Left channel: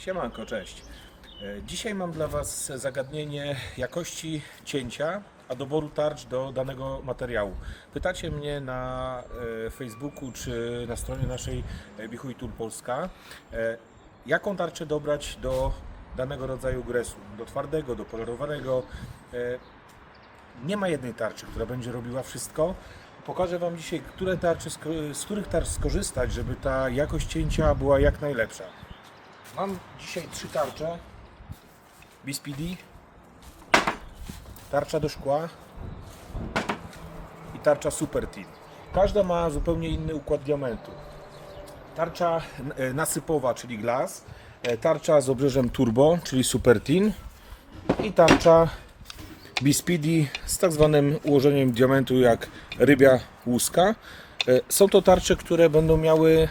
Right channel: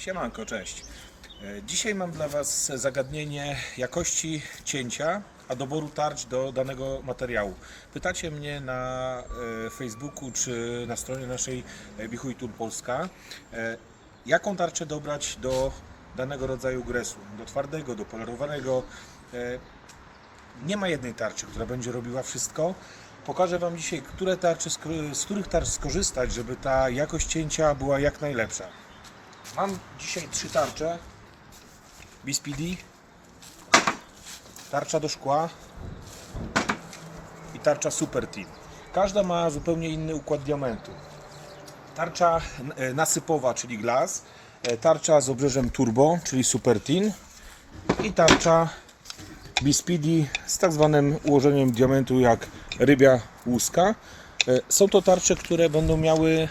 Siemanko, cześć. E, Dzisiaj mam dla Was zagadnienie jakości cięcia, a doboru tarcz do danego materiału. Pytacie mnie na e, Facebooku czy na stronie naszej e, Bichuj Tool Polska, jaką tarczę dobrać do danego rodzaju gresu, do twardego, do polerowanego. Nie ma jednej tarczy, która będzie robiła wszystko. Pokażę Wam dzisiaj, które tarcze, sk- z których tarcz skorzystać, żeby ta jakość cięcia była jak najlepsza. Mam dzisiaj trzy tarcze. Bispidi, tarcza do szkła i tarcza Super Team. Każda ma zupełnie inny układ diamentu. Tarcza e, nasypowa, czyli glass, e, tarcza z obrzeżem turbo, czyli Super Team i tarcza Bispidi z tak zwanym ułożeniem diamentu jak rybia łuska. E, Są to tarcze, które będą miały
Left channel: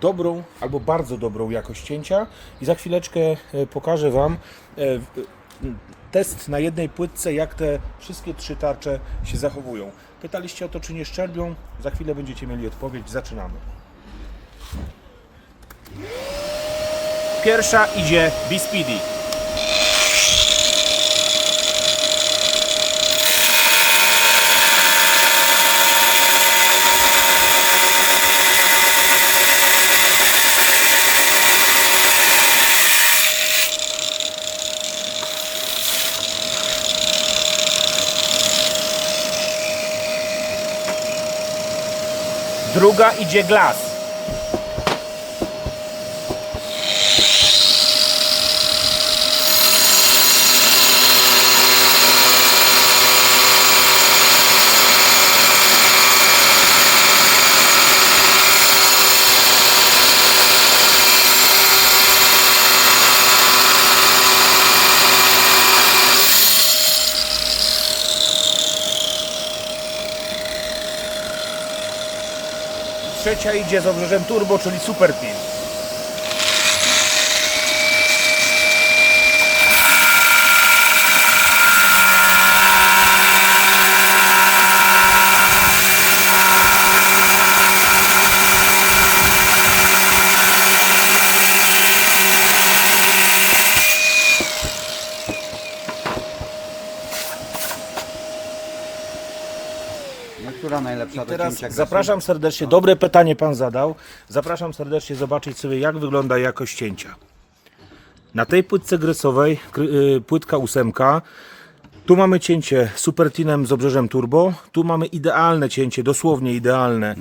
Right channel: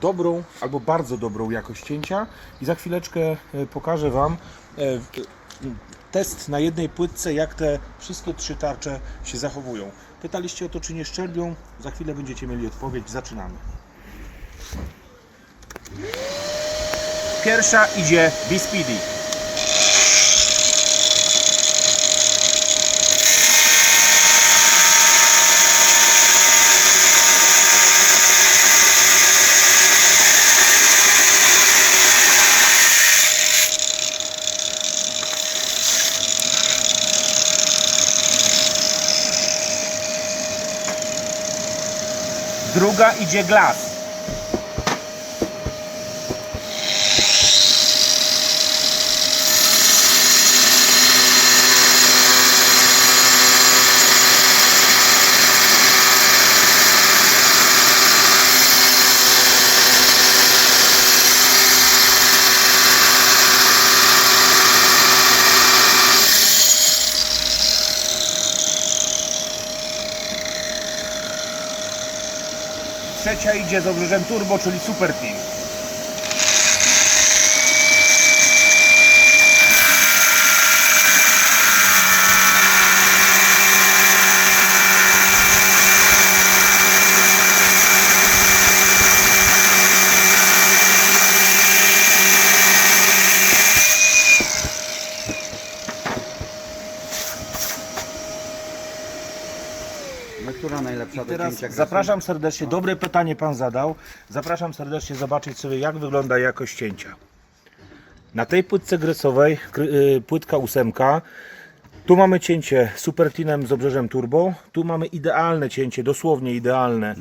dobrą albo bardzo dobrą jakość cięcia i za chwileczkę e, pokażę Wam e, test na jednej płytce, jak te wszystkie trzy tarcze się zachowują. Pytaliście o to, czy nie szczerbią, za chwilę będziecie mieli odpowiedź, zaczynamy. Pierwsza idzie Bispidi. Druga idzie Glass. Trzecia idzie z obrzeżem turbo, czyli Super Team. No która najlepsza do Teraz cięcia zapraszam serdecznie, dobre pytanie Pan zadał. Zapraszam serdecznie zobaczyć sobie jak wygląda jakość cięcia. Na tej płytce gresowej, kry- y, płytka ósemka, tu mamy cięcie supertinem z obrzeżem turbo, tu mamy idealne cięcie, dosłownie idealne,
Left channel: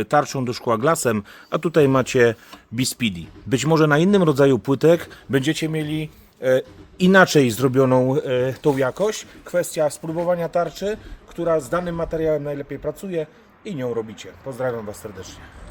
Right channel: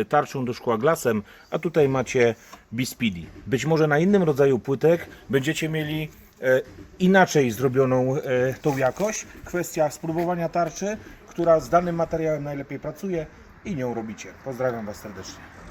y, tarczą do szkła glasem, a tutaj macie Bispidi. Być może na innym rodzaju płytek będziecie mieli e, inaczej zrobioną tą jakość. Kwestia spróbowania tarczy, która z danym materiałem najlepiej pracuje i nią robicie. Pozdrawiam Was serdecznie.